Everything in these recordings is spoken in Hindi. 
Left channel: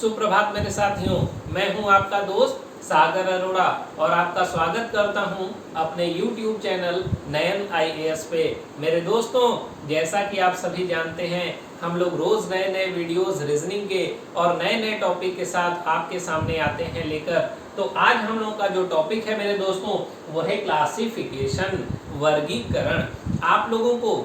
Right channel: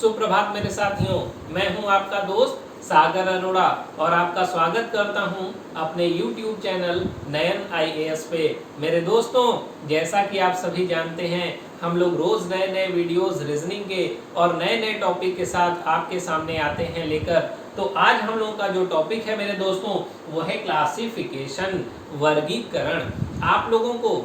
सुप्रभात मेरे साथियों, मैं हूं आपका दोस्त सागर अरोड़ा और आपका स्वागत करता हूं अपने YouTube चैनल नयन IAS पे। मेरे दोस्तों, जैसा कि आप सभी जानते हैं, हम लोग रोज नए नए वीडियोस रीजनिंग के और नए नए टॉपिक के साथ आपके सामने आते हैं लेकर। तो आज हम लोगों का जो टॉपिक है मेरे दोस्तों, वो है क्लासिफिकेशन, वर्गीकरण। आप लोगों को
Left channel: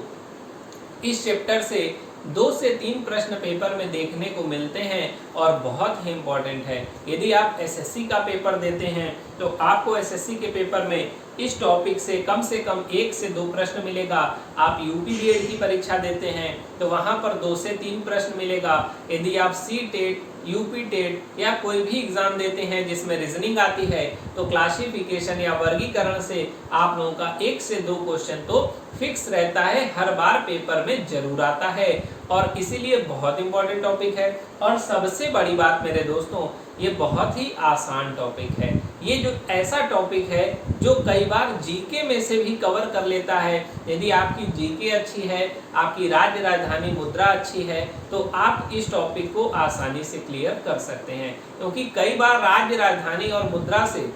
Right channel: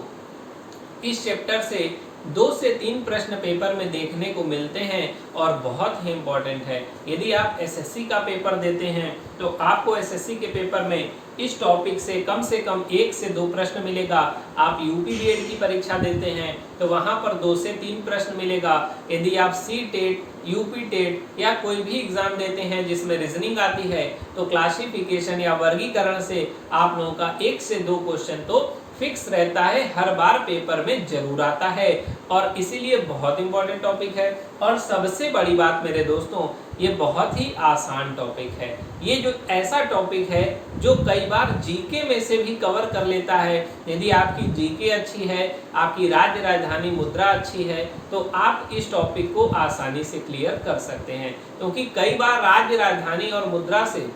इस चैप्टर से 2 से 3 प्रश्न पेपर में देखने को मिलते हैं और बहुत ही इम्पोर्टेंट है। यदि आप एसएससी का पेपर देते हैं तो आपको एसएससी के पेपर में इस टॉपिक से कम 1 से 2 प्रश्न मिलेगा। आप यूपी बीएड की परीक्षा देते हैं तो वहां पर 2 से 3 प्रश्न मिलेगा। यदि आप सी टेट, यूपी टेट या कोई भी एग्जाम देते हैं जिसमें रीजनिंग आती है तो क्लासिफिकेशन या वर्गीकरण से आप लोगों का 1 से 2 क्वेश्चन तो फिक्स रहता है, हर बार पेपर में जरूर आता है और इसीलिए बहुत इंपॉर्टेंट टॉपिक है। और सबसे बड़ी बात मेरे दोस्तों, ये बहुत ही आसान टॉपिक है। ये जो ऐसा टॉपिक है जो कई बार जीके में से भी कवर कर लेता है। यदि आपकी जीके अच्छी है, आपकी राज्य राजधानी मुद्रा अच्छी है तो आप इस टॉपिक को आसानी से क्लियर कर सकते हैं, क्योंकि कई बार राज्य राजधानी और मुद्रा से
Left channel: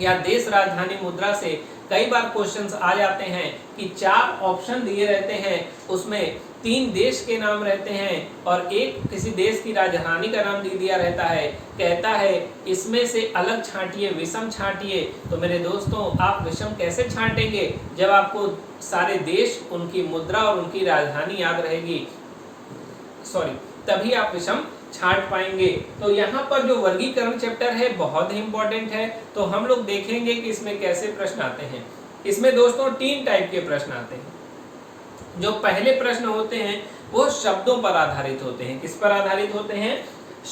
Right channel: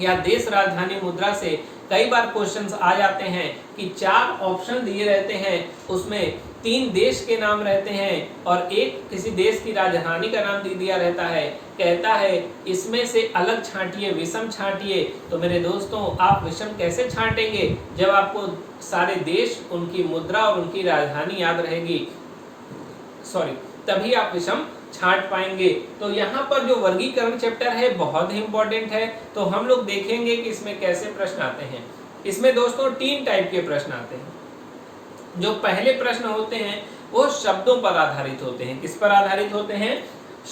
या देश राजधानी मुद्रा से कई बार क्वेश्चंस आ जाते हैं कि 4 ऑप्शन दिए रहते हैं, उसमें 3 देश के नाम रहते हैं और एक किसी देश की राजधानी का नाम दे दिया रहता है। कहता है इसमें से अलग छांटिए, विषम छांटिए। तो मेरे दोस्तों, आप विषम कैसे छांटेंगे जब आपको सारे देश, उनकी मुद्रा और उनकी राजधानी याद रहेगी, तभी आप विषम छांट पाएंगे। तो यहाँ पर जो वर्गीकरण चैप्टर है बहुत ही इंपॉर्टेंट है। तो हम लोग देखेंगे कि इसमें कैसे प्रश्न आते हैं। इसमें दोस्तों 3 टाइप के प्रश्न आते हैं। जो पहले प्रश्न होते हैं वो शब्दों पर आधारित होते हैं। किस पर आधारित होते हैं?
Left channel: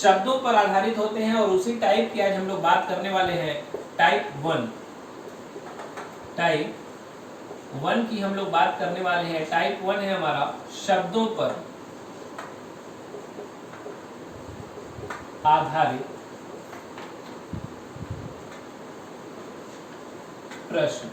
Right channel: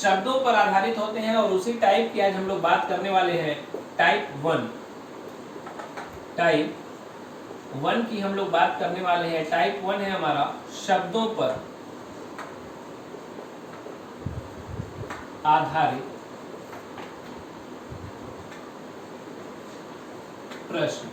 शब्दों पर आधारित होते हैं। और उसी टाइप की आज हम लोग बात करने वाले हैं, टाइप 1 की हम लोग बात करने वाले हैं। टाइप 1 है हमारा शब्दों पर आधारित प्रश्न।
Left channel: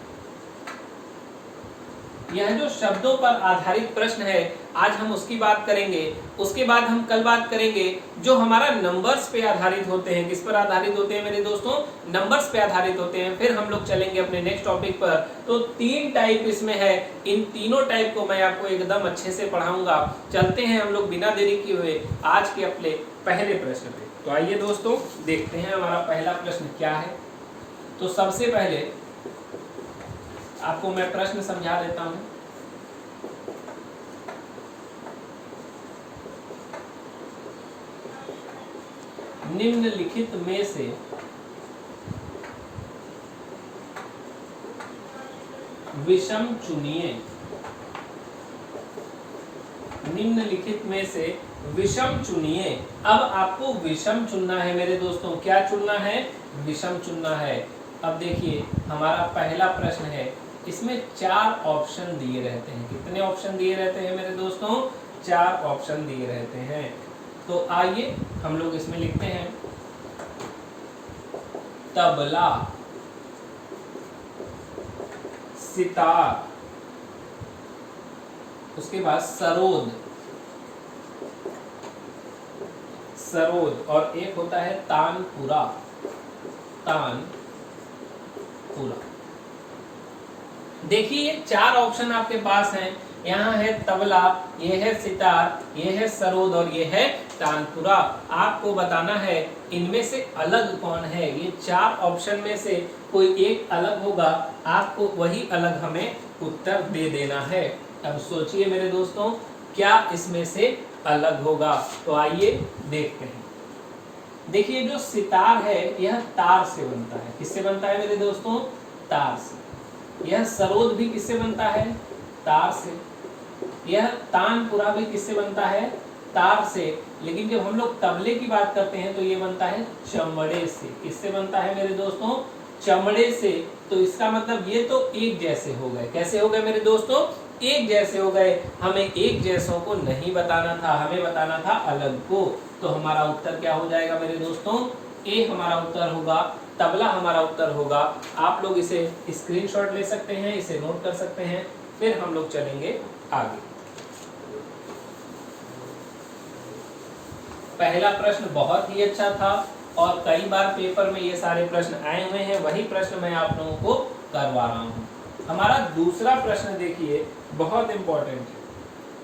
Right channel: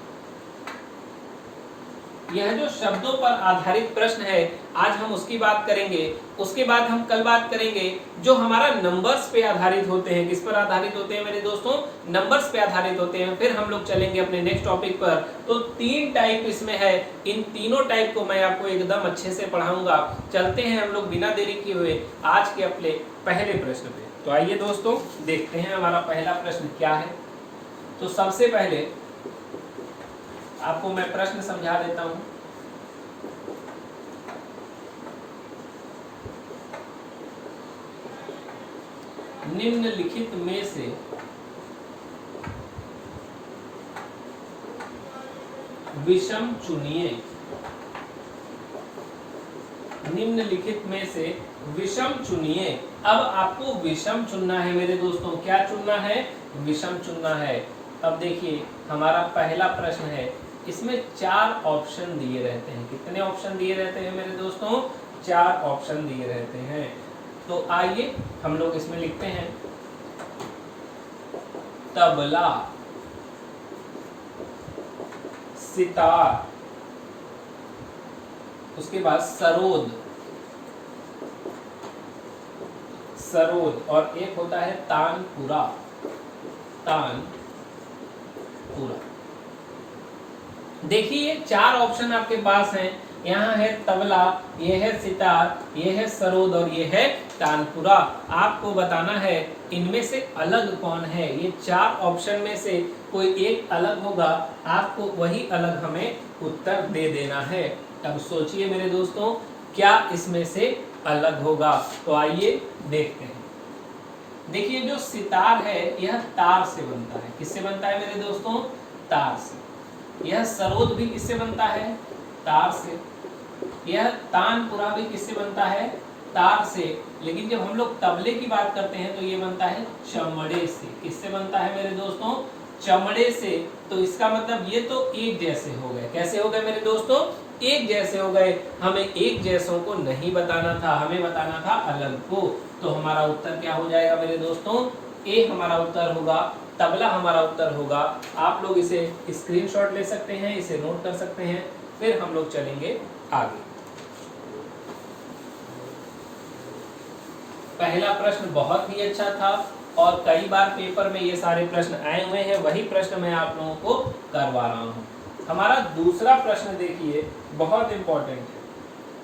यह जो शब्दों पर आधारित प्रश्न है, आज हम उसकी बात करेंगे। उसके बाद हम कल बात करेंगे जो हमारा नंबर्स पे आधारित होते हैं। किस पर आधारित होते हैं मेरे दोस्तों? नंबर्स पे आधारित होते हैं। फिर हम लोग चलेंगे अपने नेक्स्ट टॉपिक पर। तो 3 टाइप इसमें है। इन तीनों टाइप को मैं आपको एकदम अच्छे से पढ़ाऊंगा। चलते हैं हम लोग बिना देरी किए हुए आज के अपने पहले प्रश्न पे। तो आइए दोस्तों, देखते हैं हमारा पहला प्रश्न क्या है। तो सबसे पहले आपको मैं प्रश्न समझा देता हूं। निम्नलिखित में से विषम चुनिए। निम्नलिखित में से विषम चुनिए। अब आपको विषम चुनना है मेरे दोस्तों। क्या चुनना है? विषम चुनना है। अब देखिए, हमारा पहला प्रश्न है। इसमें 4 ऑप्शन दिए रहते हैं। कितने ऑप्शन दिए रहते हैं मेरे दोस्तों? 4 ऑप्शन दिए रहते हैं। तो आइए हम लोग इसमें लिखते हैं तबला, सितार, उसके बाद सरोद और एक होता है तानपुरा। देखिए, 4 ऑप्शन आपके पास हैं। यहाँ है तबला, ये है सितार, ये है सरोद और ये है तानपुरा। आपको बताना है इनमें से अलग कौन है। ये 4 ऑप्शन में से कोई एक अलग होगा, आपको वही अलग हमें उत्तर दे देना है। अब सोचिए मेरे दोस्तों, क्या इसमें से अलग होगा। तो आइए देखते हैं। देखिए, जो सितार है यह तार से बनता है। किससे बनता है मेरे दोस्तों? तार से। यह सरोद भी किससे बनता है? तार से। यह तानपुरा भी किससे बनता है? तार से। लेकिन जब हम लोग तबले की बात करते हैं तो ये बनता है चमड़े से। किससे बनता है मेरे दोस्तों? चमड़े से। तो इसका मतलब ये तो एक जैसे हो गए। कैसे हो गए मेरे दोस्तों? एक जैसे हो गए। हमें एक जैसों को नहीं बताना था, हमें बताना था अलग को। तो हमारा उत्तर क्या हो जाएगा मेरे दोस्तों? ए हमारा उत्तर होगा, तबला हमारा उत्तर होगा। आप लोग इसे स्क्रीनशॉट ले सकते हैं, इसे नोट कर सकते हैं। फिर हम लोग चलेंगे आगे। पहला प्रश्न बहुत ही अच्छा था और कई बार पेपर में ये सारे प्रश्न आए हुए हैं, वही प्रश्न मैं आप लोगों को करवा रहा हूँ। हमारा दूसरा प्रश्न देखिए, बहुत इंपॉर्टेंट है।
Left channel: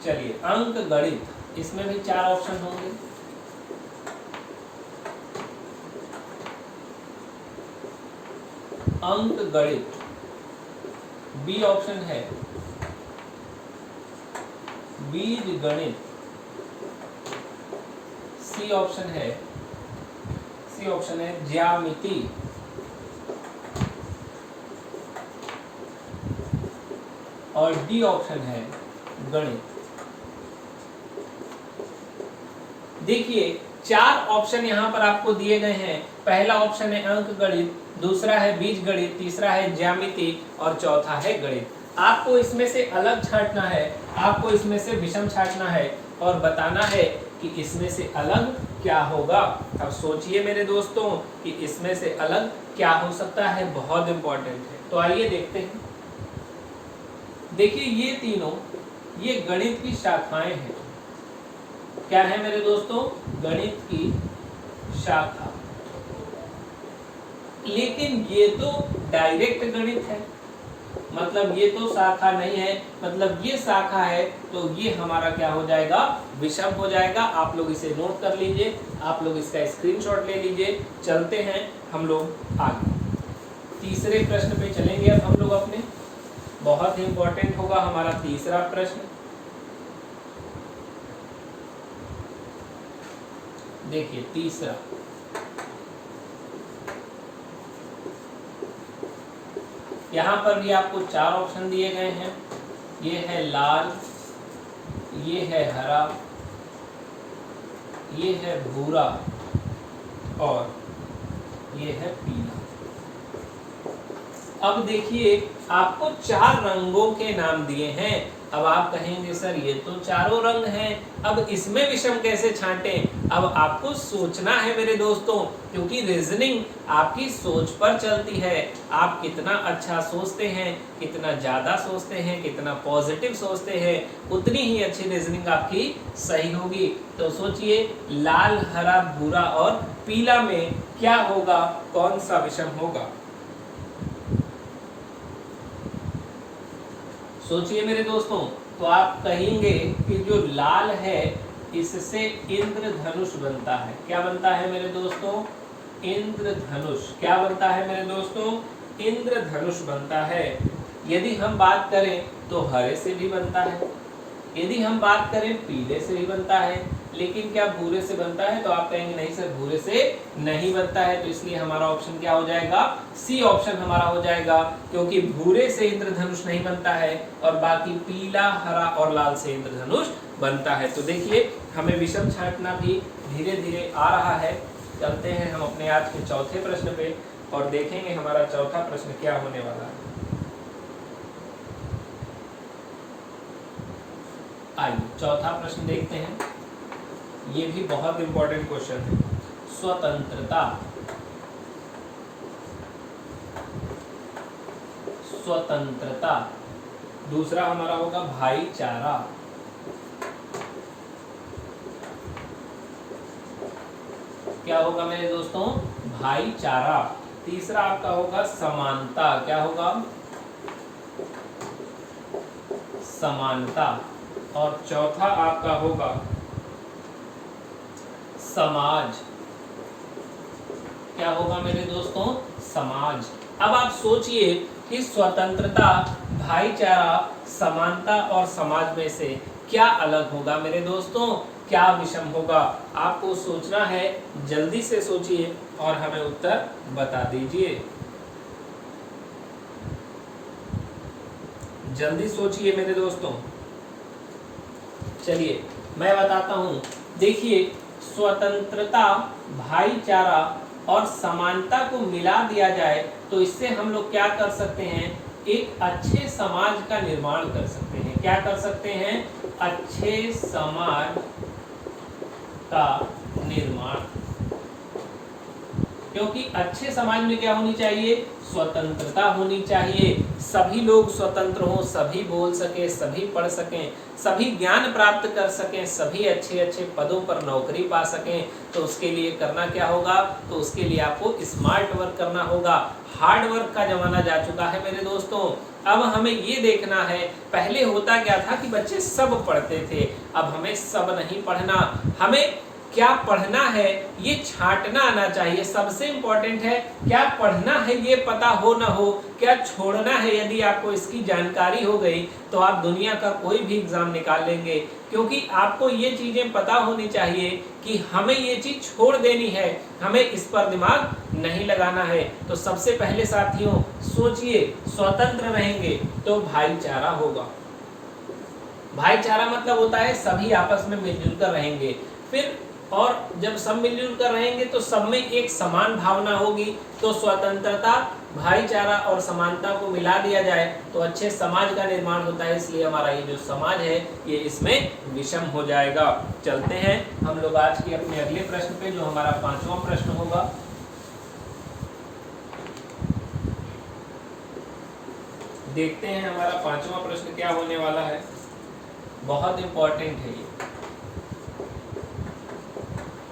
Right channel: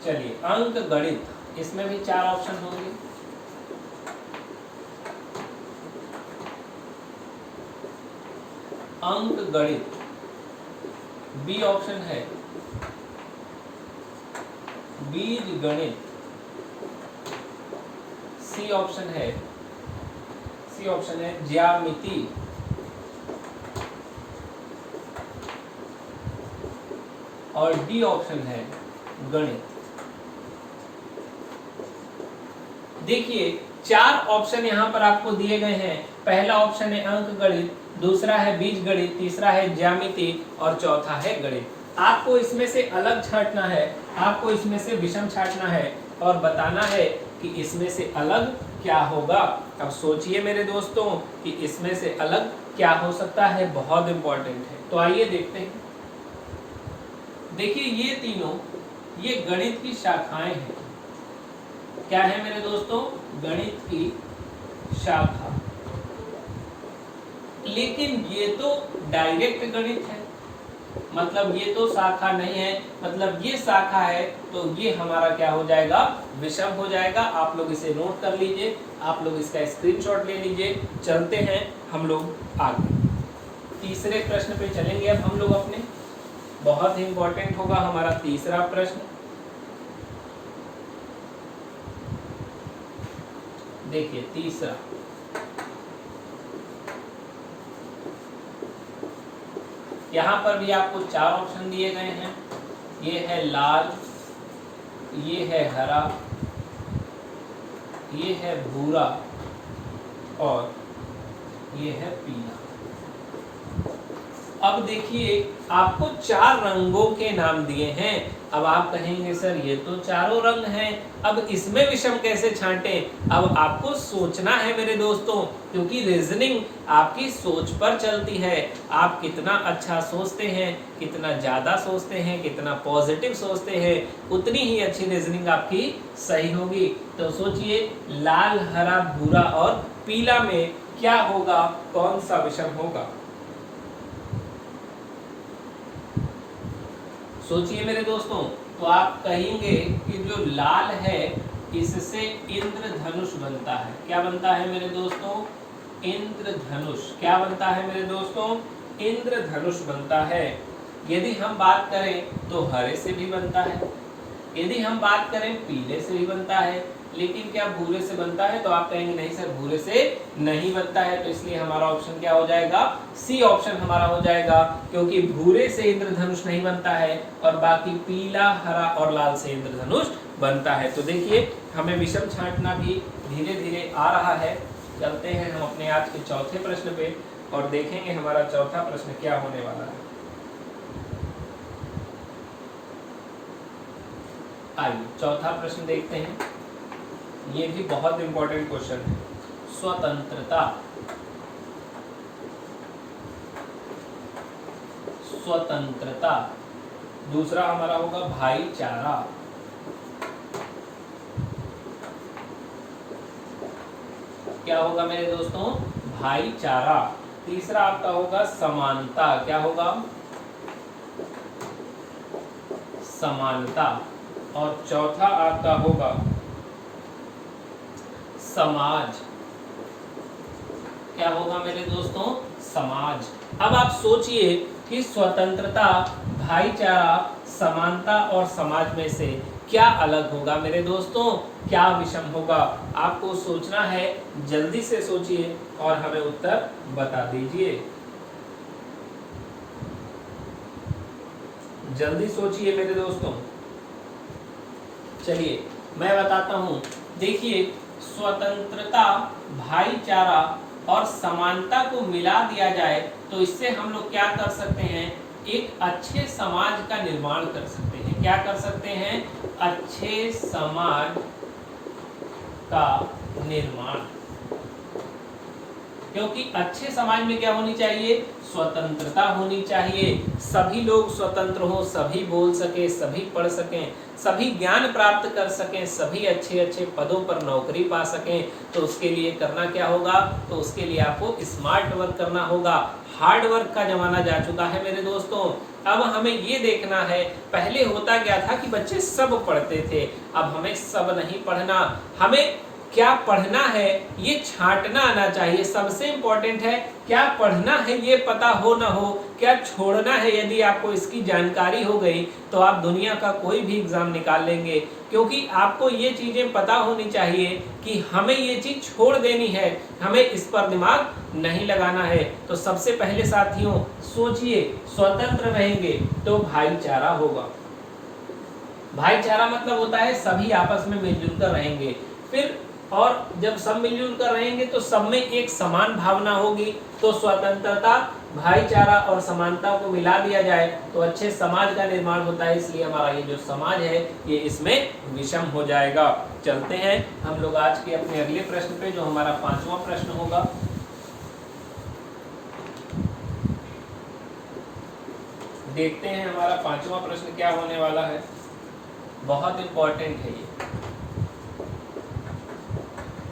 चलिए, अंक गणित, इसमें भी 4 ऑप्शन होंगे। अंक गणित, बी ऑप्शन है बीज गणित, सी ऑप्शन है ज्यामिति, और डी ऑप्शन है गणित। देखिए 4 ऑप्शन यहाँ पर आपको दिए गए हैं। पहला ऑप्शन है अंक गणित, दूसरा है बीज गणित, तीसरा है ज्यामिति और चौथा है गणित। आपको इसमें से अलग छांटना है, आपको इसमें से विषम छांटना है और बताना है कि इसमें से अलग क्या होगा। अब सोचिए मेरे दोस्तों कि इसमें से अलग क्या हो सकता है, बहुत इंपॉर्टेंट है। तो आइए देखते हैं। देखिए ये तीनों, ये गणित की शाखाएं हैं। क्या है मेरे दोस्तों? गणित की शाखा। लेकिन ये तो डायरेक्ट गणित है, मतलब ये तो शाखा नहीं है, मतलब ये शाखा है, तो ये हमारा क्या हो जाएगा? विषम हो जाएगा। आप लोग इसे नोट कर लीजिए, आप लोग इसका स्क्रीनशॉट ले लीजिए। चलते हैं हम लोग आगे, तीसरे प्रश्न पे चलेंगे अब हम लोग अपने। बहुत ही इंपॉर्टेंट होगा हमारा तीसरा प्रश्न। देखिए तीसरा, यहां पर भी आपको 4 ऑप्शन दिए गए हैं। ये है लाल, ये है हरा, ये है भूरा और ये है पीला। अब देखिए आपको 4 रंगों के नाम दिए हैं। अब आप कहेंगे सर ये तो चारों रंग हैं, अब इसमें विषम कैसे छांटें? अब आपको सोचना है मेरे दोस्तों, क्योंकि रीजनिंग आपकी सोच पर चलती है। आप कितना अच्छा सोचते हैं, कितना ज्यादा सोचते हैं, कितना पॉजिटिव सोचते हैं, उतनी ही अच्छी रीजनिंग आपकी सही होगी। तो सोचिए लाल, हरा, भूरा और पीला में क्या होगा, कौन सा विषम होगा? सोचिए मेरे दोस्तों। तो आप कहेंगे कि जो लाल है इससे इंद्रधनुष बनता है। क्या बनता है मेरे दोस्तों? इंद्रधनुष। क्या बनता है मेरे दोस्तों? इंद्रधनुष बनता है। यदि हम बात करें तो हरे से भी बनता है, यदि हम बात करें पीले से भी बनता है, लेकिन क्या भूरे से बनता है? तो आप कहेंगे नहीं सर भूरे से नहीं बनता है। तो इसलिए हमारा ऑप्शन क्या हो जाएगा? सी ऑप्शन हमारा हो जाएगा, क्योंकि भूरे से इंद्रधनुष नहीं बनता है और बाकी पीला, हरा और लाल से इंद्रधनुष बनता है। तो देखिए हमें विषम छांटना भी धीरे धीरे आ रहा है। चलते हैं हम अपने आज के चौथे प्रश्न पे और देखेंगे हमारा चौथा प्रश्न क्या होने वाला है। आइए चौथा प्रश्न देखते हैं। ये भी बहुत इंपॉर्टेंट क्वेश्चन है। स्वतंत्रता, स्वतंत्रता। दूसरा हमारा होगा भाईचारा। क्या होगा मेरे दोस्तों? भाईचारा। तीसरा आपका होगा समानता। क्या होगा? समानता। और चौथा आपका होगा समाज। क्या होगा मेरे दोस्तों? समाज। अब आप सोचिए कि स्वतंत्रता, भाईचारा, समानता और समाज में से क्या अलग होगा मेरे दोस्तों? क्या विषम होगा? आपको सोचना है, जल्दी से सोचिए और हमें उत्तर बता दीजिए। जल्दी सोचिए मेरे दोस्तों। चलिए मैं बताता हूं। देखिए स्वतंत्रता, भाईचारा और समानता को मिला दिया जाए तो इससे हम लोग क्या कर सकते हैं? एक अच्छे समाज का निर्माण कर सकते हैं। क्या कर सकते हैं? अच्छे समाज का निर्माण। क्योंकि अच्छे समाज में क्या होनी चाहिए, स्वतंत्रता होनी चाहिए, सभी लोग स्वतंत्र हों, सभी बोल सके, सभी पढ़ सकें, सभी ज्ञान प्राप्त कर सकें, सभी अच्छे अच्छे पदों पर नौकरी पा सकें। तो उसके लिए करना क्या होगा, तो उसके लिए आपको स्मार्ट वर्क करना होगा। हार्ड वर्क का जमाना जा चुका है मेरे दोस्तों। अब हमें ये देखना है, पहले होता क्या था कि बच्चे सब पढ़ते थे, अब हमें सब नहीं पढ़ना, हमें क्या पढ़ना है ये छांटना आना चाहिए। सबसे इंपॉर्टेंट है क्या पढ़ना है ये पता हो ना हो, क्या छोड़ना है। यदि आपको इसकी जानकारी हो गई तो आप दुनिया का कोई भी एग्जाम निकाल लेंगे, क्योंकि आपको ये चीजें पता होनी चाहिए कि हमें ये चीज छोड़ देनी है, हमें इस पर दिमाग नहीं लगाना है। तो सबसे पहले साथियों सोचिए, स्वतंत्र रहेंगे तो भाईचारा होगा। भाईचारा मतलब होता है सभी आपस में मिलजुल कर रहेंगे, फिर और जब सब मिलजुल कर रहेंगे तो सब में एक समान भावना होगी। तो स्वतंत्रता, भाईचारा और समानता को मिला दिया जाए तो अच्छे समाज का निर्माण होता है। इसलिए हमारा ये जो समाज है ये इसमें विषम हो जाएगा। चलते हैं हम लोग आज के अपने अगले प्रश्न पे, जो हमारा 5वां प्रश्न होगा। देखते हैं हमारा 5वां प्रश्न क्या होने वाला है, बहुत इंपॉर्टेंट है ये।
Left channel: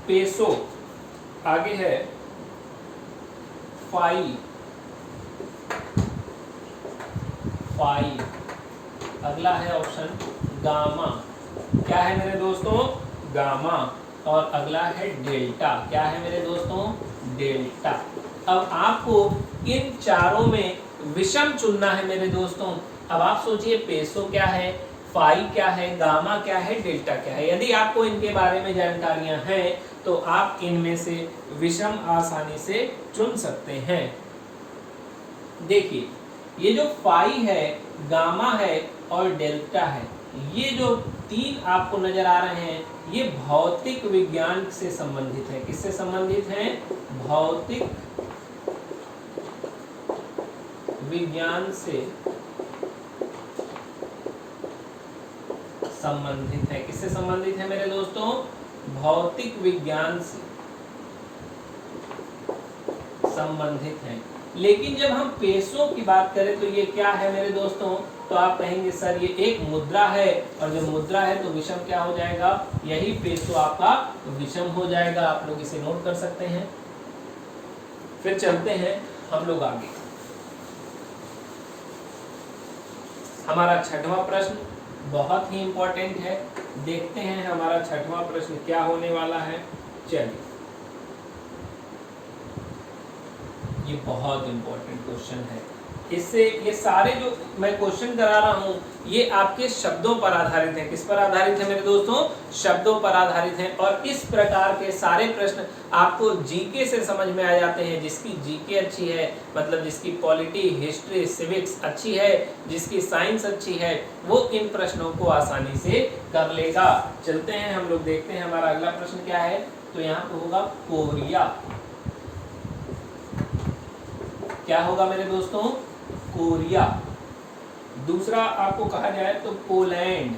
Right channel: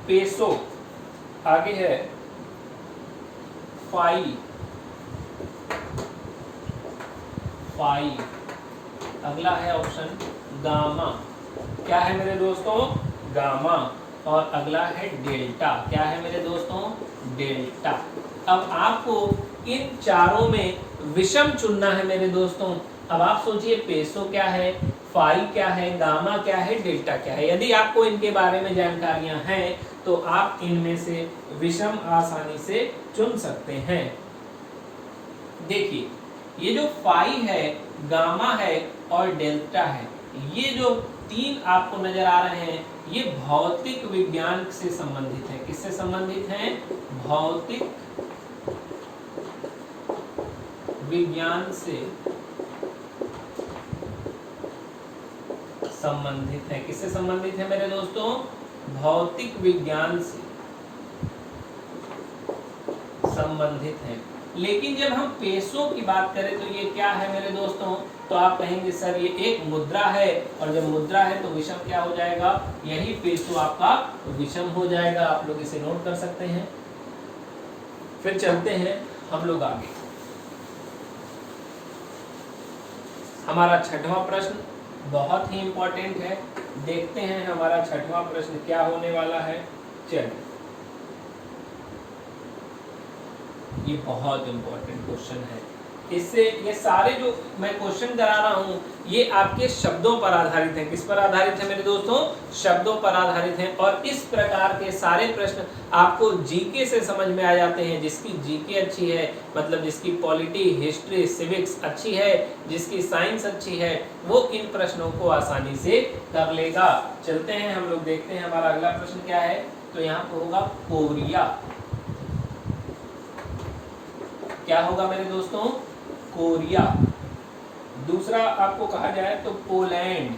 पेसो, आगे है फाई, अगला है ऑप्शन गामा। क्या है मेरे दोस्तों, गामा। और अगला है डेल्टा। क्या है मेरे दोस्तों, डेल्टा। अब आपको इन चारों में विषम चुनना है मेरे दोस्तों। अब आप सोचिए, पेसो क्या है, फाई क्या है, गामा क्या है, डेल्टा क्या है। यदि आपको इनके बारे में जानकारियां हैं तो आप इनमें से विषम आसानी से चुन सकते हैं। देखिए, ये जो फाई है, गामा है और डेल्टा है, ये जो तीन आपको नजर आ रहे हैं, ये भौतिक विज्ञान से संबंधित है। किससे संबंधित हैं, भौतिक विज्ञान से संबंधित है। किससे संबंधित है मेरे दोस्तों, भौतिक विज्ञान से संबंधित है। लेकिन जब हम पेसों की बात करें तो ये क्या है मेरे दोस्तों, तो आप कहेंगे सर ये एक मुद्रा है, और जब मुद्रा है तो विषम क्या हो जाएगा, यही पेसो आपका विषम हो जाएगा। आप लोग इसे नोट कर सकते हैं। फिर चलते हैं हम लोग आगे। हमारा 6वां प्रश्न बहुत ही इंपॉर्टेंट है। देखते हैं हमारा 6वां प्रश्न क्या होने वाला है। चलिए, ये बहुत इंपॉर्टेंट क्वेश्चन है। इससे ये सारे जो मैं क्वेश्चन करा रहा हूं ये आपके शब्दों पर आधारित हैं। किस पर आधारित है मेरे दोस्तों, शब्दों पर आधारित हैं। और इस प्रकार के सारे प्रश्न आपको जीके से समझ में आ जाते हैं। जिसकी जीके अच्छी है, मतलब जिसकी पॉलिटी, हिस्ट्री, सिविक्स अच्छी है, जिसकी साइंस अच्छी है, वो इन प्रश्नों को आसानी से कर लेगा। चलते हैं हम लोग, देखते हैं हमारा अगला प्रश्न क्या है। तो यहाँ पे होगा कोरिया। क्या होगा मेरे दोस्तों, कोरिया। दूसरा आपको कहा जाए तो पोलैंड,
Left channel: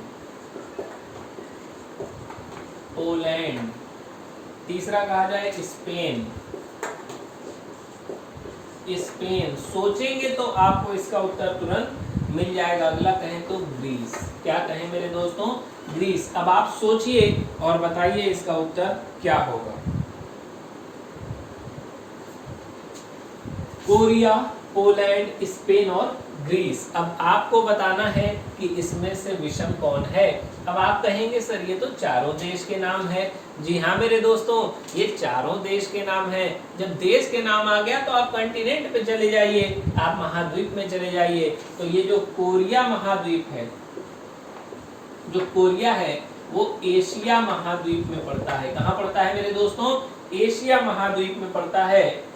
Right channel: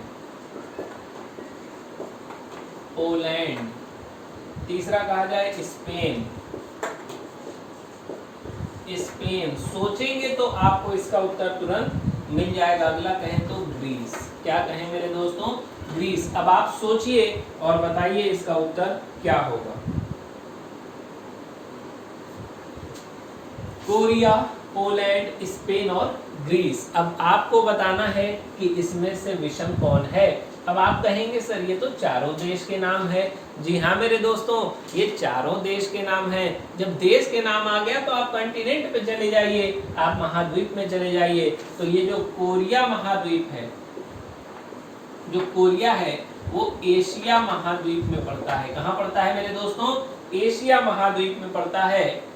तीसरा कहा जाए स्पेन। सोचेंगे तो आपको इसका उत्तर तुरंत मिल जाएगा। अगला कहें तो ग्रीस। क्या कहें मेरे दोस्तों, ग्रीस। अब आप सोचिए और बताइए इसका उत्तर क्या होगा। कोरिया, पोलैंड, स्पेन और ग्रीस। अब आपको बताना है कि इसमें से विषम कौन है। अब आप कहेंगे सर ये तो चारों देश के नाम है। जी हाँ मेरे दोस्तों, ये चारों देश के नाम हैं। जब देश के नाम आ गया तो आप कंटिनेंट पे चले जाइए, आप महाद्वीप में चले जाइए। तो ये जो कोरिया महाद्वीप है, जो कोरिया है वो एशिया महाद्वीप में पड़ता है। कहाँ पड़ता है मेरे दोस्तों, एशिया महाद्वीप में पड़ता है।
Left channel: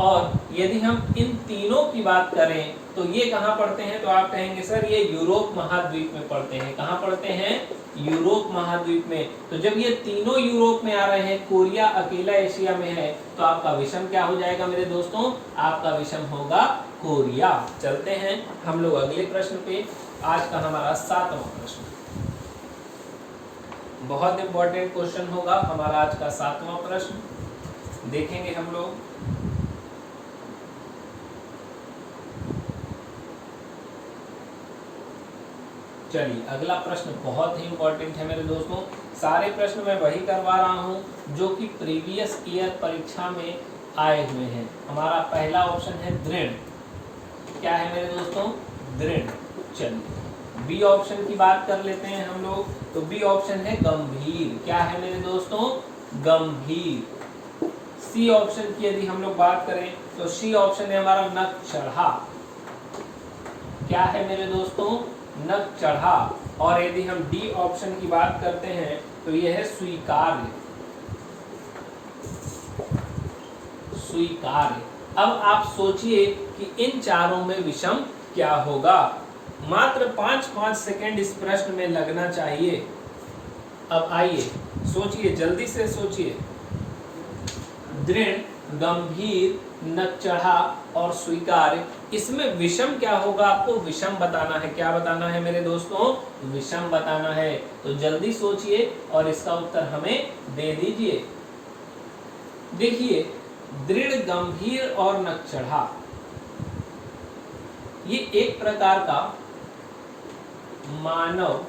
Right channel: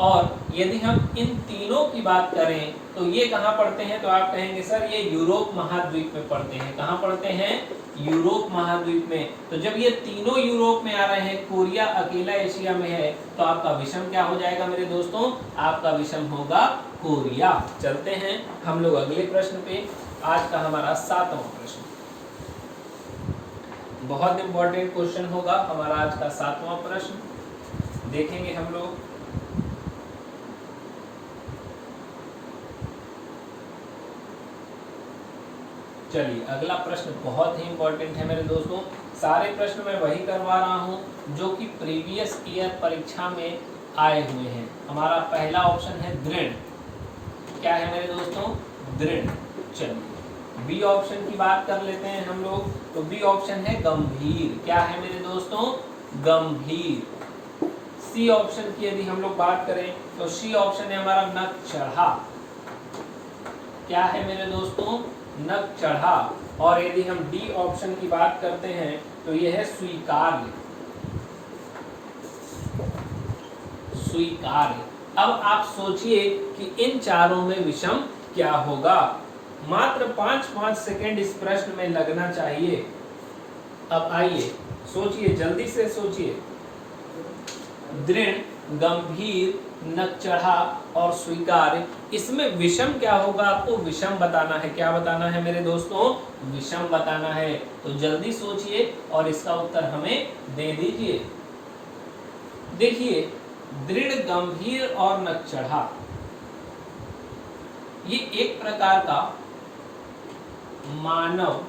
और यदि हम इन तीनों की बात करें तो ये कहाँ पढ़ते हैं, तो आप कहेंगे सर ये यूरोप महाद्वीप में पढ़ते हैं। कहाँ पढ़ते हैं, यूरोप महाद्वीप में। तो जब ये तीनों यूरोप में आ रहे हैं, कोरिया अकेला एशिया में है, तो आपका विषम क्या हो जाएगा मेरे दोस्तों, आपका विषम होगा कोरिया। चलते हैं हम लोग अगले प्रश्न पे। आज का हमारा 7वां प्रश्न, बहुत इंपॉर्टेंट क्वेश्चन होगा हमारा आज का 7वां प्रश्न, देखेंगे हम लोग। चलिए अगला प्रश्न बहुत ही इंपॉर्टेंट है मेरे दोस्तों। सारे प्रश्न मैं वही करवा रहा हूं जो कि प्रीवियस ईयर परीक्षा में आए हुए हैं। हमारा पहला ऑप्शन है दृढ़, क्या है मेरे दोस्तों? दृढ़। चलिए बी ऑप्शन की बात कर लेते हैं हम लोग, तो बी ऑप्शन है गंभीर, क्या है मेरे दोस्तों? गंभीर। सी ऑप्शन की यदि हम लोग बात करें तो सी ऑप्शन है हमारा नक चढ़ा, क्या है मेरे दोस्तों? नक चढ़ा। और यदि हम डी ऑप्शन की बात करते हैं तो यह है स्वीकार्य, स्वीकार्य। अब आप सोचिए कि इन चारों में विषम क्या होगा। मात्र 5-5 सेकेंड इस प्रश्न में लगना चाहिए। अब आइए सोचिए, जल्दी से सोचिए। दृढ़, गंभीर, नक चढ़ा और स्वीकार्य, इसमें विषम क्या होगा? आपको विषम बताना है। क्या बताना है मेरे दोस्तों? विषम बताना है। तो जल्दी सोचिए और इसका उत्तर हमें दे दीजिए। देखिए दृढ़, गंभीर और नक चढ़ा ये एक प्रकार का मानव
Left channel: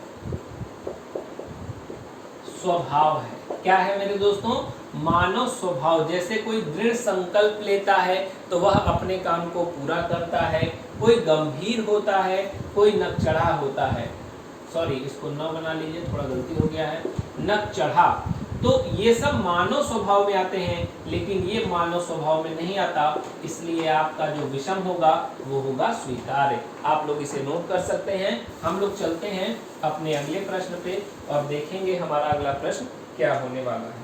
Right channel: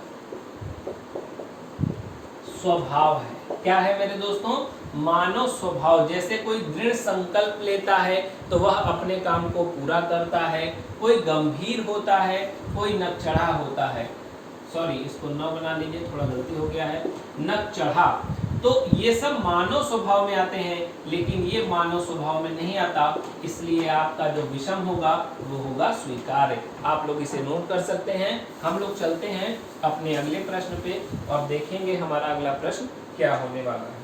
स्वभाव है। क्या है मेरे दोस्तों? मानव स्वभाव। जैसे कोई दृढ़ संकल्प लेता है तो वह अपने काम को पूरा करता है, कोई गंभीर होता है, कोई नक चढ़ा होता है। सॉरी, इसको न बना लीजिए, थोड़ा गलती हो गया है, नक चढ़ा। तो ये सब मानव स्वभाव में आते हैं, लेकिन ये मानव स्वभाव में नहीं आता, इसलिए आपका जो विषम होगा वो होगा स्वीकार्य। आप लोग इसे नोट कर सकते हैं। हम लोग चलते हैं अपने अगले प्रश्न पे और देखेंगे हमारा अगला प्रश्न क्या होने वाला है।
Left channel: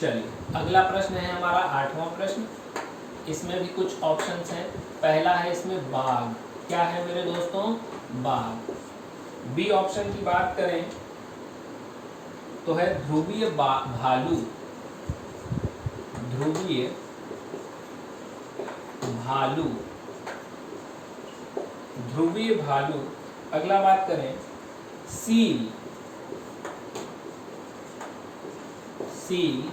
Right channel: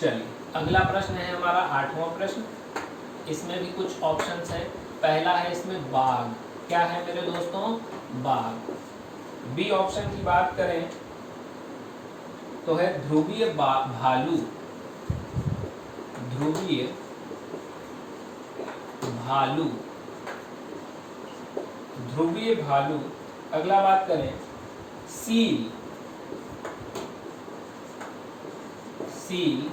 चलिए अगला प्रश्न है हमारा 8वां प्रश्न। इसमें भी कुछ ऑप्शंस हैं। पहला है इसमें बाघ, क्या है मेरे दोस्तों? बाघ। बी ऑप्शन की बात करें तो है ध्रुवीय भालू, ध्रुवीय भालू, ध्रुवीय भालू। अगला बात करें सील, सील।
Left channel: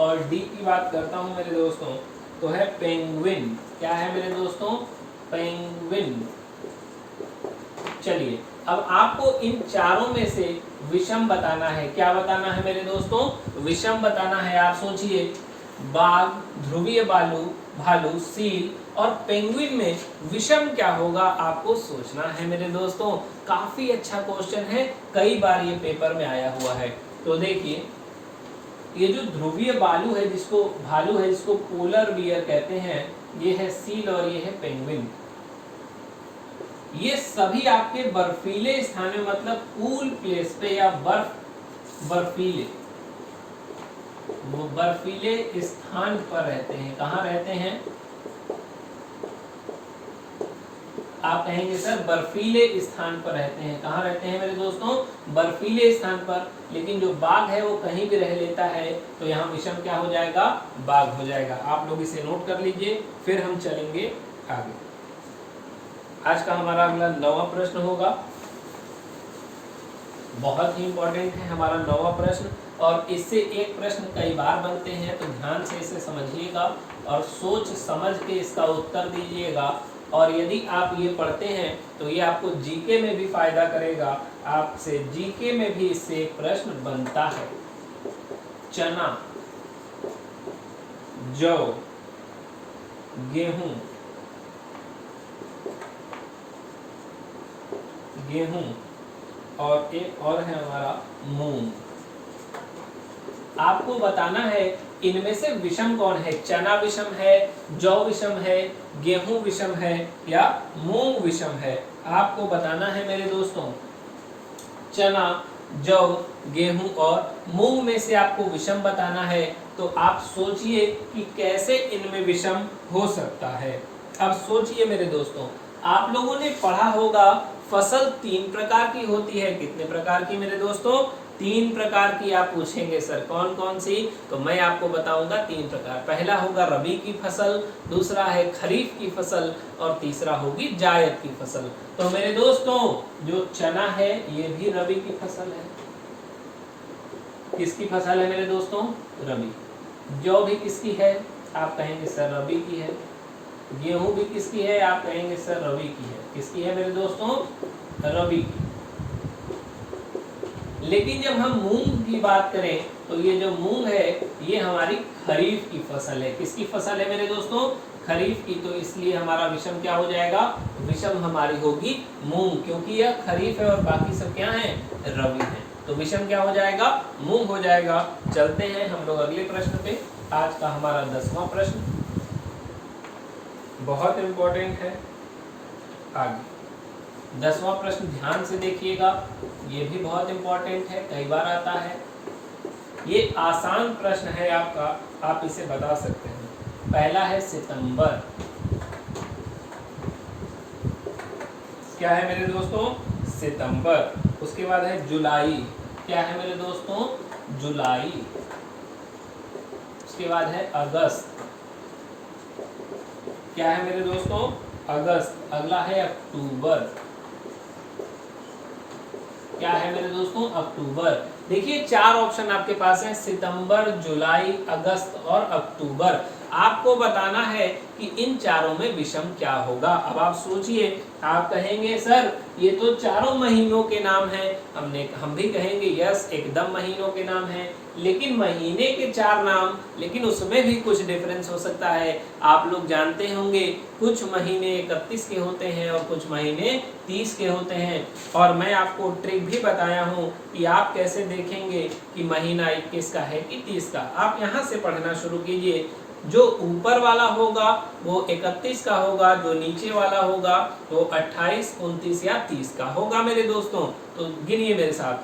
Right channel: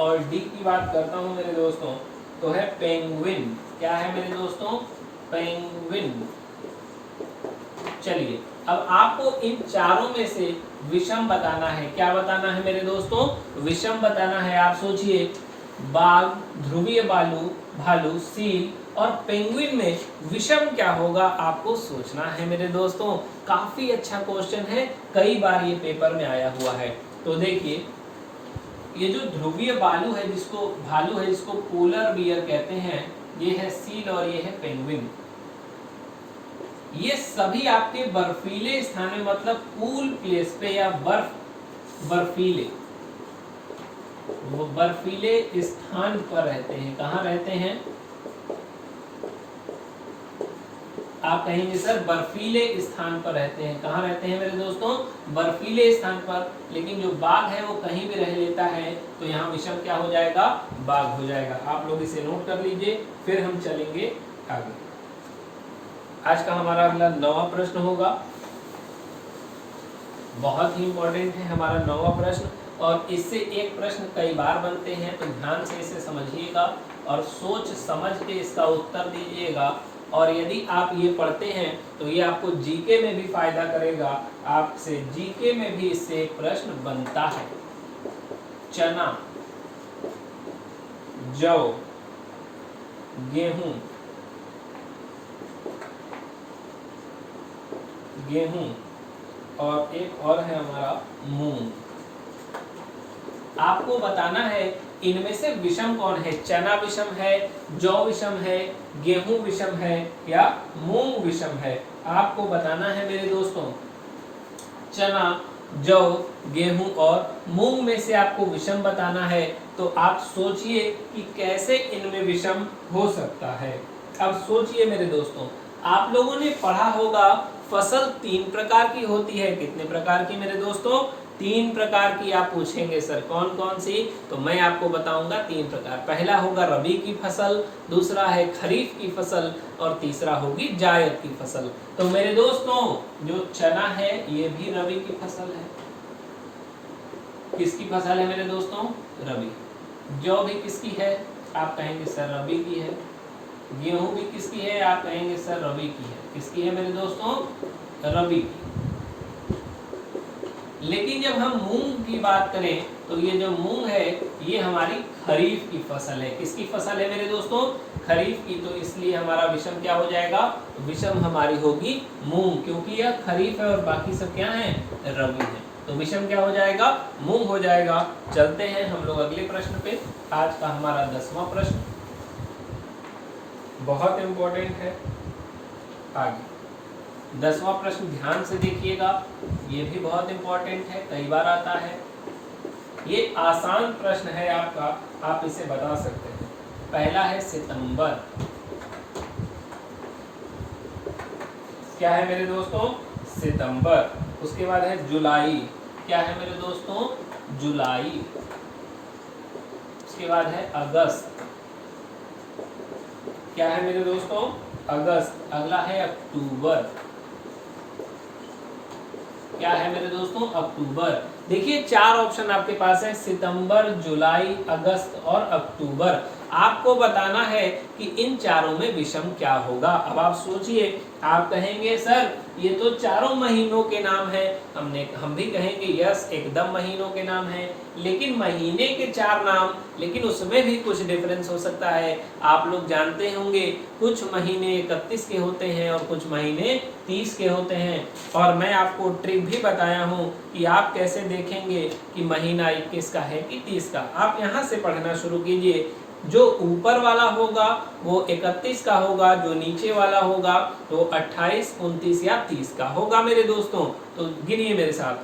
और डी की बात करता हूं मेरे दोस्तों तो है पेंगुइन, क्या है मेरे दोस्तों? पेंगुइन। चलिए अब आपको इन चारों में से विषम बताना है। क्या बताना है मेरे दोस्तों? विषम बताना है। आप सोचिए, बाघ, ध्रुवीय भालू, सील और पेंगुइन में विषम क्या होगा आपको सोचना है मेरे दोस्तों। काफी अच्छा क्वेश्चन है, कई बार ये पेपर में आया हुआ है। तो देखिए ये जो ध्रुवीय भालू है जिसको पोलर बियर कहते हैं, ये है सील और ये है पेंगुइन। ये सभी आपके बर्फीले स्थान में, मतलब कूल प्लेस पे या बर्फीले स्थान पर रहते हैं। कहाँ रहते हैं? आप कहेंगे सर बर्फीले स्थान पर रहते हैं। कहाँ रहते हैं मेरे दोस्तों? बर्फीले स्थान पर। लेकिन जो बाघ है वो कहीं भी रह लेता है, तो यहाँ विषम क्या हो जाएगा? बाघ हो जाएगा। आप लोग इसे नोट कर लीजिए, फिर हम चलेंगे आगे। आज का हमारा अगला 9वां प्रश्न होगा। बहुत ही इंपॉर्टेंट है हमारा 9वां प्रश्न, और इससे एक प्रश्न कई बार बनते हैं, तो ध्यान से इसे समझिएगा और सोच समझ के इसका उत्तर दीजिएगा। और यदि आप ये पढ़ते हैं तो ये आपको जीके में भी फायदा करेगा। आपसे जीके में भी इससे एक प्रश्न बनता है। चना, जौ, गेहूं, और एक और है हमारा मूंग। आपको बताना है इनमें से विषम कौन है। चना विषम है, जौ विषम है, गेहूं विषम है या मूंग विषम है। आपको बताना है मेरे दोस्तों, चना, जौ, गेहूं और मूंग में से आपको विषम बताना है। तो आप सोचिए कि कैसे इनमें विषम हो सकता है। अब सोचिए मेरे दोस्तों, आप लोगों ने पढ़ा होगा फसल 3 प्रकार की होती है। कितने प्रकार की मेरे दोस्तों? तीन प्रकार की आप पूछेंगे सर, कौन कौन सी? तो मैं आपको बताऊंगा तीन प्रकार। पहला होगा रबी की फसल, दूसरा है खरीफ की फसल और तीसरा होगी जायद की फसल। तो मेरे दोस्तों जो चना है ये भी रबी की फसल है। किसकी फसल है मेरे दोस्तों? रबी। जौ भी किसकी है? आप कहेंगे सर रबी की है। गेहूं भी किसकी है? आप कहेंगे सर रबी की है। किसकी है मेरे दोस्तों? रबी की। लेकिन जब हम मूंग की बात करें तो ये जो मूंग है ये हमारी खरीफ की फसल है। किसकी फसल है मेरे दोस्तों? खरीफ की। तो इसलिए हमारा विषम क्या हो जाएगा? विषम हमारी होगी मूंग, क्योंकि यह खरीफ है और बाकी सब क्या है? रबी है। तो विषम क्या हो जाएगा? मूंग हो जाएगा। चलते हैं हम लोग अगले प्रश्न पे। आज का हमारा 10वां प्रश्न बहुत इंपॉर्टेंट है। आगे 10वां प्रश्न ध्यान से देखिएगा, ये भी बहुत इंपॉर्टेंट है, कई बार आता है। ये आसान प्रश्न है आपका, आप इसे बता सकते हैं। पहला है सितंबर। क्या है मेरे दोस्तों? सितंबर। उसके बाद है जुलाई। क्या है मेरे दोस्तों? जुलाई। उसके बाद है अगस्त। क्या है मेरे दोस्तों? अगस्त। अगला है अक्टूबर। क्या है मेरे दोस्तों? अक्टूबर। देखिए 4 ऑप्शन आपके पास है, सितंबर, जुलाई, अगस्त और अक्टूबर। आपको बताना है कि इन चारों में विषम क्या होगा। अब आप सोचिए, आप कहेंगे सर ये तो चारों महीनों के नाम है। हम भी कहेंगे यस एकदम महीनों के नाम है, लेकिन महीने के 4 नाम, लेकिन उसमें भी कुछ डिफरेंस हो सकता है। आप लोग जानते होंगे कुछ महीने 31 के होते हैं और कुछ महीने 30 के होते हैं। और मैं आपको ट्रिक भी बताया हूँ कि आप कैसे देखेंगे कि महीना 21 का है कि 30 का। आप यहाँ से पढ़ना शुरू कीजिए। जो ऊपर वाला होगा वो 31 का होगा, जो नीचे वाला होगा वो 28, 29 या 30 का होगा मेरे दोस्तों। तो गिनिए मेरे साथ।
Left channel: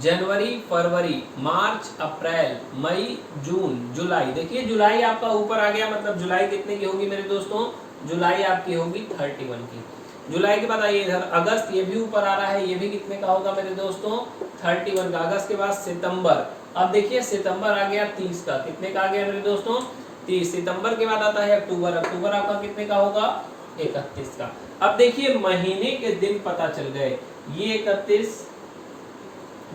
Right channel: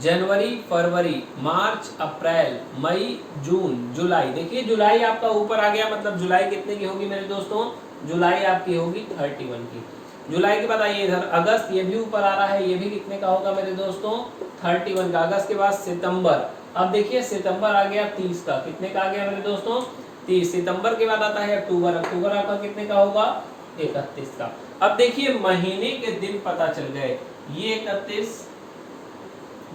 जनवरी, फरवरी, मार्च, अप्रैल, मई, जून, जुलाई। देखिए जुलाई आपका ऊपर आ गया, मतलब जुलाई कितने की होगी मेरे दोस्तों? जुलाई आपकी होगी 31 की। जुलाई के बाद आइए इधर अगस्त, ये भी ऊपर आ रहा है, ये भी कितने का होगा मेरे दोस्तों? 31 का। अगस्त के बाद सितंबर। अब देखिए सितंबर आ गया 30 का। कितने का आ गया मेरे दोस्तों? 30। सितंबर के बाद आता है अक्टूबर। अक्टूबर आपका कितने का होगा? 31 का। अब देखिए महीने के दिन पता चल गए, ये 31,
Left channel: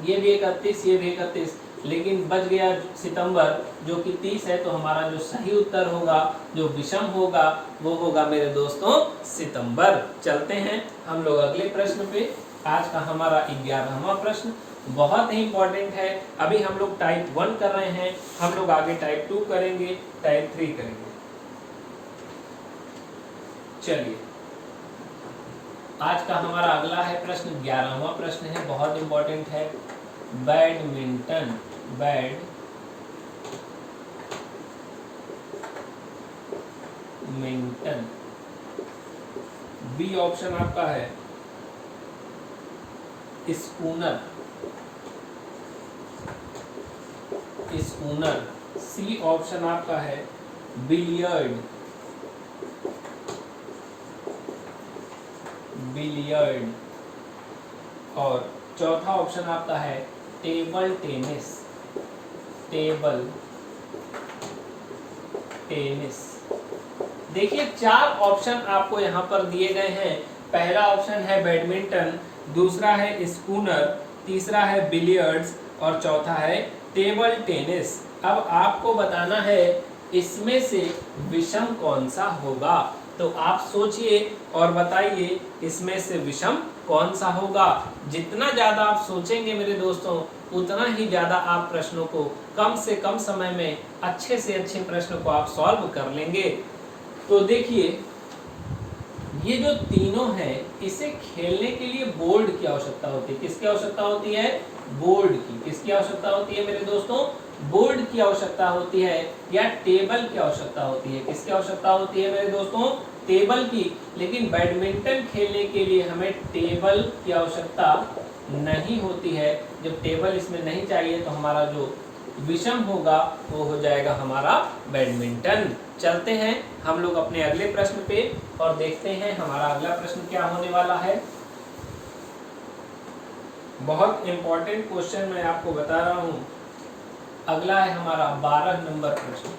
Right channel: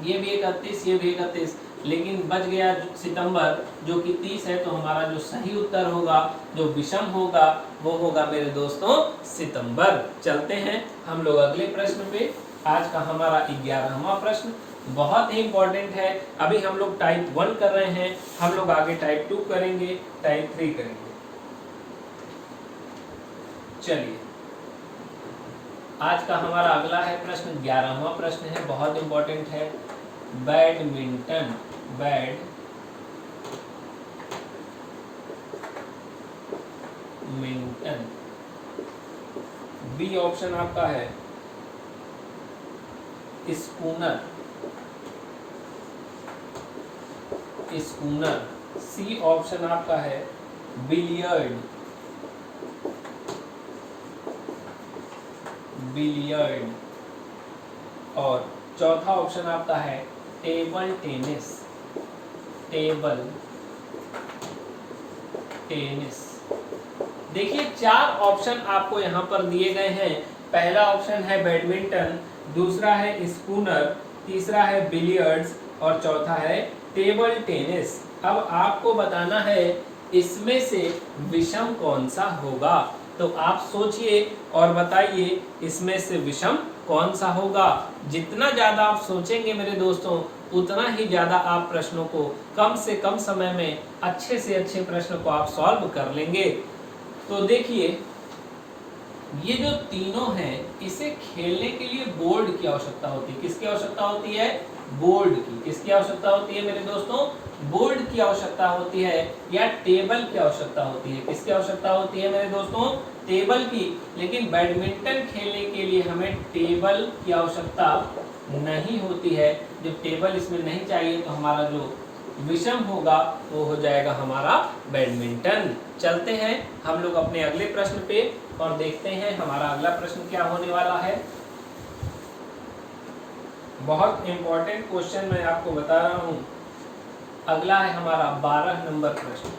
ये भी 31, ये भी 31, लेकिन बच गया सितंबर जो कि 30 है। तो हमारा जो सही उत्तर होगा, जो विषम होगा, वो होगा मेरे दोस्तों सितंबर। चलते हैं हम लोग अगले प्रश्न पे। आज का हमारा 11वां प्रश्न बहुत ही इंपॉर्टेंट है। अभी हम लोग टाइप 1 कर रहे हैं, हम लोग आगे टाइप 2 करेंगे, टाइप 3 करेंगे। चलिए आज का हमारा अगला है प्रश्न 11वां प्रश्न है, बहुत इंपॉर्टेंट है। बैडमिंटन। बैडमिंटन। बी ऑप्शन आपका है स्पूनर। स्पूनर। सी ऑप्शन आपका है बिलियर्ड। बिलियर्ड। और चौथा ऑप्शन आपका है टेबल टेनिस। Table tennis. देखिए 4 ऑप्शन आपको यहाँ पर दिए गए हैं। पहला ऑप्शन है बैडमिंटन, दूसरा है स्पूनर, तीसरा है बिलियर्ड्स और चौथा है टेबल टेनिस। अब आपको बताना है इसमें से विषम कौन सा होगा। तो आप सोचिए और बताइए इसमें से विषम कौन सा होगा। जितना ज्यादा आप सोचेंगे मेरे दोस्तों, उतना ही ज्यादा आप प्रश्नों को कम से कम समय में अच्छे से अच्छे प्रश्नों को आप सॉल्व कर लेंगे। तो देखिए ये जो तीनों हैं, इसे खेलने के लिए बोर्ड की आवश्यकता होती है। किसकी आवश्यकता होती है? बोर्ड की। किसकी आवश्यकता होती है मेरे दोस्तों? बोर्ड की आवश्यकता होती है या टेबल की आवश्यकता होती है। किसकी आवश्यकता होती है मेरे दोस्तों? टेबल की। लेकिन बैडमिंटन खेलने के लिए हमें टेबल की आवश्यकता नहीं होती है। जब टेबल इसमें नहीं चाहिए तो हमारा जो विषम होगा वो हो जाएगा हमारा बैडमिंटन। चलते हैं हम लोग अपने अगले प्रश्न पे और देखते हैं हमारा अगला प्रश्न क्या होने वाला है। बहुत इंपॉर्टेंट क्वेश्चन मैं आपको बता रहा हूं। अगला है हमारा 12 नंबर प्रश्न।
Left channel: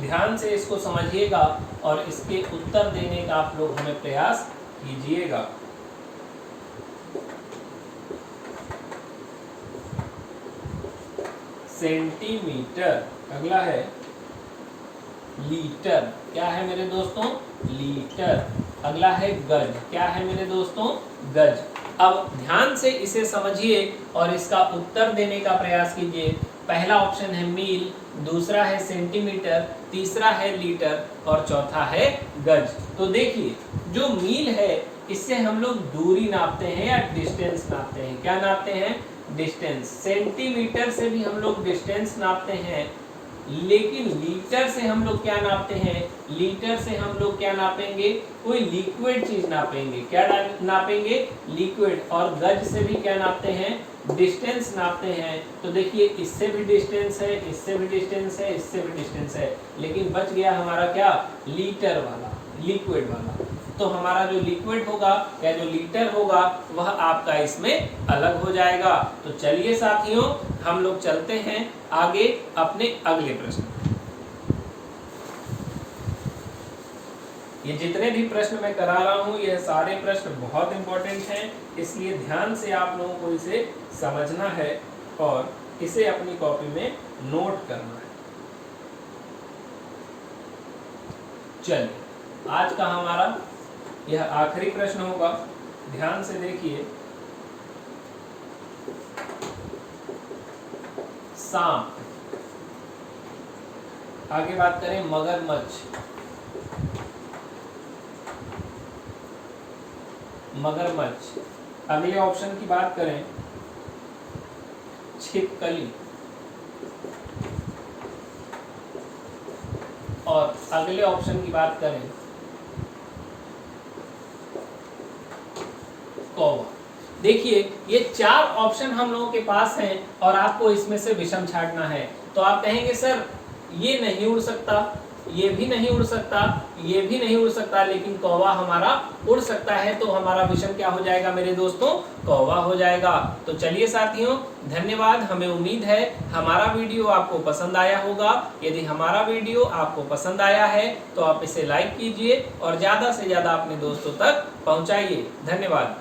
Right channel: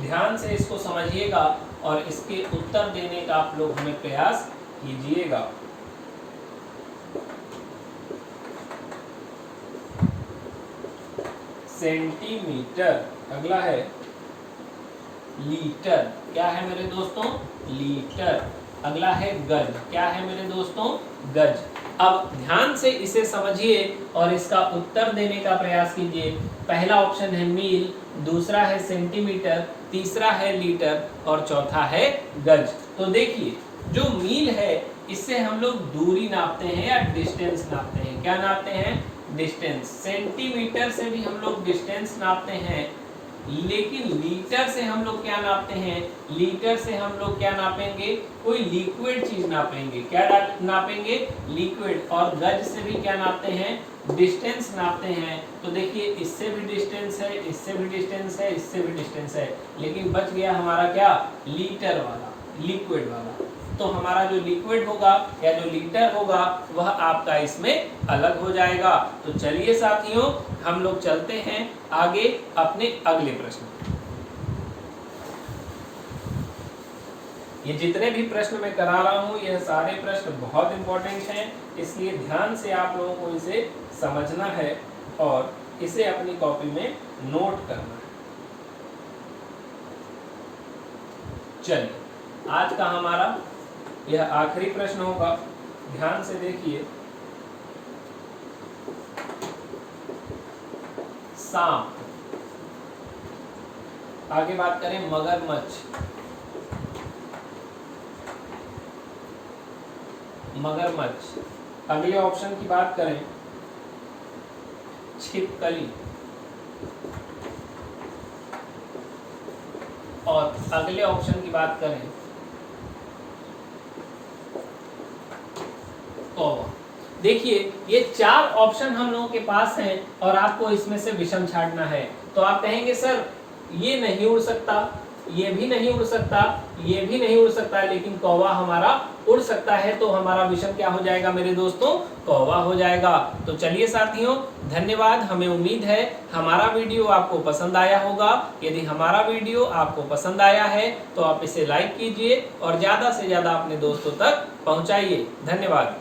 ध्यान से इसको समझिएगा और इसके उत्तर देने का आप लोग हमें प्रयास कीजिएगा। सेंटीमीटर, अगला है लीटर। क्या है मेरे दोस्तों? लीटर। अगला है गज। क्या है मेरे दोस्तों? गज। अब ध्यान से इसे समझिए और इसका उत्तर देने का प्रयास कीजिए। पहला ऑप्शन है मील, दूसरा है सेंटीमीटर, तीसरा है लीटर और चौथा है गज। तो देखिए, जो मील है इससे हम लोग दूरी नापते हैं या डिस्टेंस नापते हैं। क्या नापते हैं? डिस्टेंस। सेंटीमीटर से भी हम लोग डिस्टेंस नापते हैं, लेकिन लीटर से हम लोग क्या नापते हैं? लीटर से हम लोग क्या नापेंगे? कोई लिक्विड चीज नापेंगे। क्या नापेंगे? लिक्विड। और गज से भी क्या नापते हैं? डिस्टेंस नापते हैं। तो देखिए, इससे भी डिस्टेंस है, इससे भी डिस्टेंस है, इससे भी डिस्टेंस है, लेकिन बच गया हमारा क्या? लीटर वाला, लिक्विड वाला। तो हमारा जो लिक्विड होगा या जो लीटर होगा वह आपका इसमें अलग हो जाएगा। तो चलिए साथियों, हम लोग चलते हैं आगे अपने अगले प्रश्न। ये जितने भी प्रश्न मैं करा रहा हूं ये सारे प्रश्न बहुत इंपॉर्टेंट हैं, इसलिए ध्यान से आप लोगों को इसे समझना है और इसे अपनी कॉपी में नोट करना है। चलिए, आज का हमारा यह आखिरी प्रश्न होगा। ध्यान से देखिए। सांप। आगे बात करें मगरमच्छ। मगरमच्छ। अगले ऑप्शन की बात करें छिपकली। और अगले ऑप्शन की बात करें कौवा। देखिए, ये 4 ऑप्शन हम लोगों के पास हैं और आपको इसमें से विषम छांटना है। तो आप कहेंगे सर ये नहीं उड़ सकता, ये भी नहीं उड़ सकता, ये भी नहीं उड़ सकता, लेकिन कौवा हमारा उड़ सकता है। तो हमारा विषम क्या हो जाएगा मेरे दोस्तों? कौवा हो जाएगा। तो चलिए साथियों, धन्यवाद। हमें उम्मीद है हमारा वीडियो आपको पसंद आया होगा। यदि हमारा वीडियो आपको पसंद आया है तो आप इसे लाइक कीजिए और ज्यादा से ज्यादा अपने दोस्तों तक पहुंचाइए। धन्यवाद।